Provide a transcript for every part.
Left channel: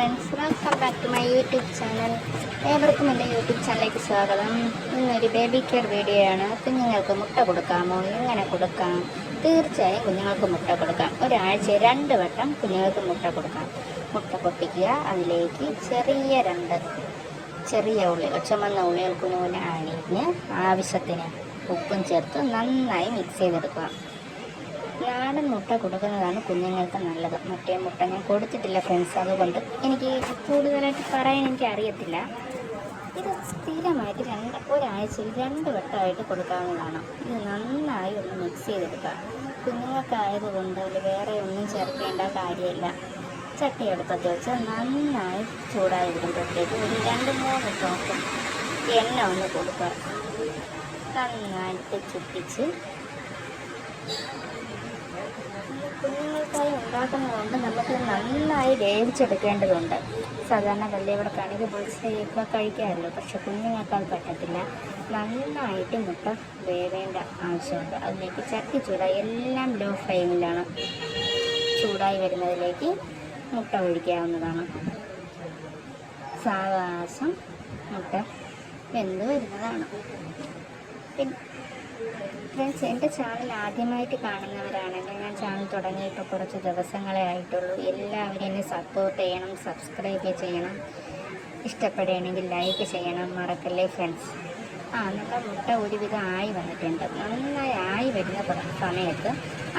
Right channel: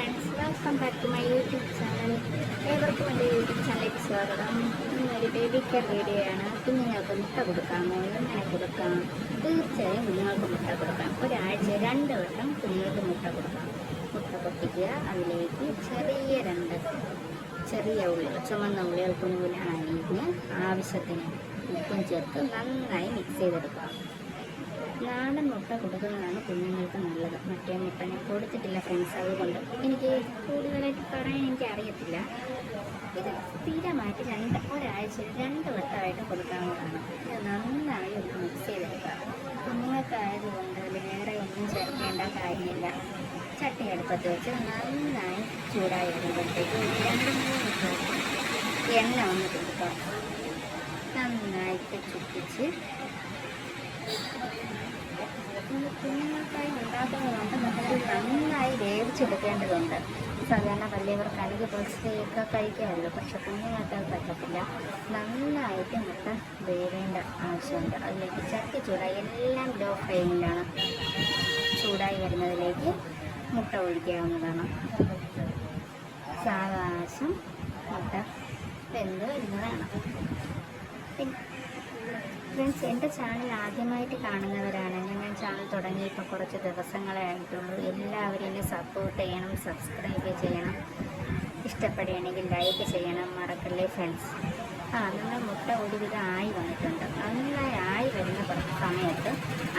Friends, welcome back to my YouTube channel. ഏവർക്കും എൻ്റെ YouTube ചാനലിലേക്ക് സ്വാഗതം. ഇന്നൊരു ബേബി കെയർ വീഡിയോ ആണ്. കുഞ്ഞുങ്ങൾക്ക് മുട്ട കൊടുക്കാമോ, എങ്ങനെ കൊടുക്കാം? തീർച്ചയായും കുഞ്ഞുങ്ങൾക്ക് മുട്ട കൊടുക്കാം. ഒരാഴ്ച 2 വട്ടം കുഞ്ഞുങ്ങൾക്ക് മുട്ട കൊടുക്കാം. മുട്ട പൊട്ടിക്കുക, അതിലേക്ക് ചെറിയ ഉള്ളികൾ, ചുമന്ന ഉള്ളികൾ കുഞ്ഞുകുഞ്ഞ് അരിഞ്ഞ് ആവശ്യത്തിന് ഉപ്പും ചേർത്ത് നന്നായി മിക്സ് ചെയ്തെടുക്കുക. നാടൻ മുട്ട കൊടുക്കുന്നതാണ് കുഞ്ഞുങ്ങൾക്ക് നല്ലത്. മറ്റേ മുട്ട ഞാൻ കൊടുത്തിട്ടില്ല ഫ്രണ്ട്സ്, അതുകൊണ്ട് എനിക്ക് കൂടുതലായിട്ട് പറയാൻ എനിക്ക് അറിയത്തില്ല. ഇത് സ്ഥിരമായിട്ട് ഒരാഴ്ചയിൽ 2 വട്ടമായിട്ട് കൊടുക്കാവുന്നതാണ്. ഇത് നന്നായി ഒന്ന് മിക്സ് ചെയ്തെടുക്കുക. കുഞ്ഞുങ്ങൾക്കായതുകൊണ്ട് അതിൽ വേറെ ഒന്നും ചേർക്കേണ്ട കാര്യമില്ല. ചട്ടി അടുപ്പത്ത് വെച്ച് നന്നായി ചൂടായി വരുമ്പോഴത്തേക്ക് ഒരു 2-3 ഡ്രോപ്പ് എണ്ണ ഒന്ന് കൊടുക്കുക. നന്നായിട്ട് ചുറ്റിച്ച് കുഞ്ഞുങ്ങൾക്കായി ഉണ്ടാക്കുന്നതുകൊണ്ട് നമുക്ക് നന്നായി വേവിച്ചെടുക്കേണ്ടതുണ്ട്. സാധാരണ വലിയവർക്കാണെങ്കിൽ ബുൾസയൊക്കെ കഴിക്കാറുണ്ട്, പക്ഷെ കുഞ്ഞുങ്ങൾക്ക് അത് പറ്റത്തില്ല. നന്നായിട്ട് മുട്ട വേവേണ്ട ആവശ്യമുണ്ട്. അതിലേക്ക് ചട്ടി ചൂടായി, എല്ലാം ലോ ഫ്ലെയിമിലാണ്. ചൂടായി വരുന്നതിലേക്ക് മുട്ട ഒഴിക്കാവുന്നതാണ്. സാവകാശം മുട്ട വെന്ത് വരുന്നതാണ്. പിന്നെ ഫ്രണ്ട്സ്, എൻ്റെ ചാനൽ ആദ്യമായിട്ട് കാണുന്നവരാണെങ്കിൽ, ഞാൻ ചാനൽ തുടങ്ങിയിട്ട് കുറച്ച് ദിവസങ്ങളെ ആയിട്ടുള്ളൂ. എല്ലാവരും എന്നെ സപ്പോർട്ട് ചെയ്യണം, സബ്സ്ക്രൈബ് ചെയ്യണം, ഇഷ്ടപ്പെടുകയാണെങ്കിൽ ലൈക്ക് ചെയ്യണം, മറക്കല്ലേ ഫ്രണ്ട്സ്. നമ്മുടെ മുട്ട ഒരുവിധം ആയി വന്നിട്ടുണ്ട്. നന്നായി ആയി വരുന്ന സമയത്ത്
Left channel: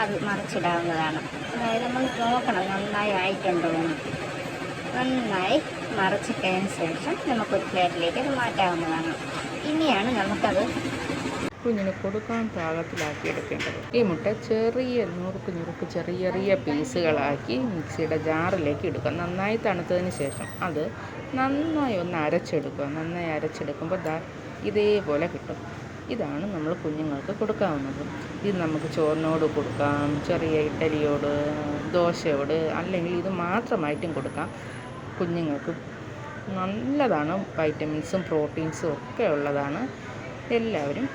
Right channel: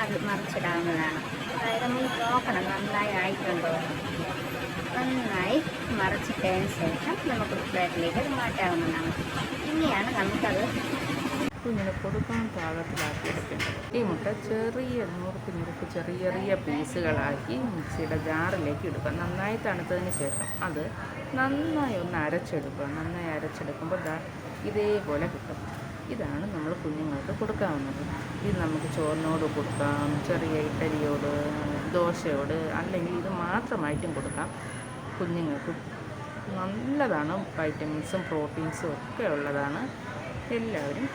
അത് മറിച്ചിടാവുന്നതാണ്. അതായത് നമ്മൾ നോക്കണം നന്നായി ആയിട്ടുണ്ടോ എന്ന്. നന്നായി മറിച്ചിട്ടതിന് ശേഷം നമുക്ക് പ്ലേറ്റിലേക്ക് അത് മാറ്റാവുന്നതാണ്. ഇനിയാണ് നമുക്കത് കുഞ്ഞിന് കൊടുക്കാൻ പാകത്തിലാക്കി എടുക്കേണ്ടത്. ഈ മുട്ട ചെറിയ നുറുക്ക് ചെറിയ പീസുകളാക്കി മിക്സിയുടെ ജാറിലേക്ക് ഇടുക. നന്നായി തണുത്തതിന് ശേഷം അത് നന്നായി ഒന്ന് അരച്ചെടുക്കുക. നന്നായി അരച്ചെടുക്കുമ്പോൾ ഇതേപോലെ കിട്ടും. ഇതാണ് നമ്മൾ കുഞ്ഞുങ്ങൾക്ക് കൊടുക്കാവുന്നത്. ഇത് നമുക്ക് ചോറിനോട് കൊടുക്കാം, ചെറിയ ഇഡ്ഡലിയോട്, ദോശയോട്, അല്ലെങ്കിൽ ഇത് മാത്രമായിട്ടും കൊടുക്കാം. കുഞ്ഞുങ്ങൾക്ക് നല്ലതാണ്. വൈറ്റമിൻസും പ്രോട്ടീൻസും ഒക്കെ ഉള്ളതാണ്. എല്ലാവരും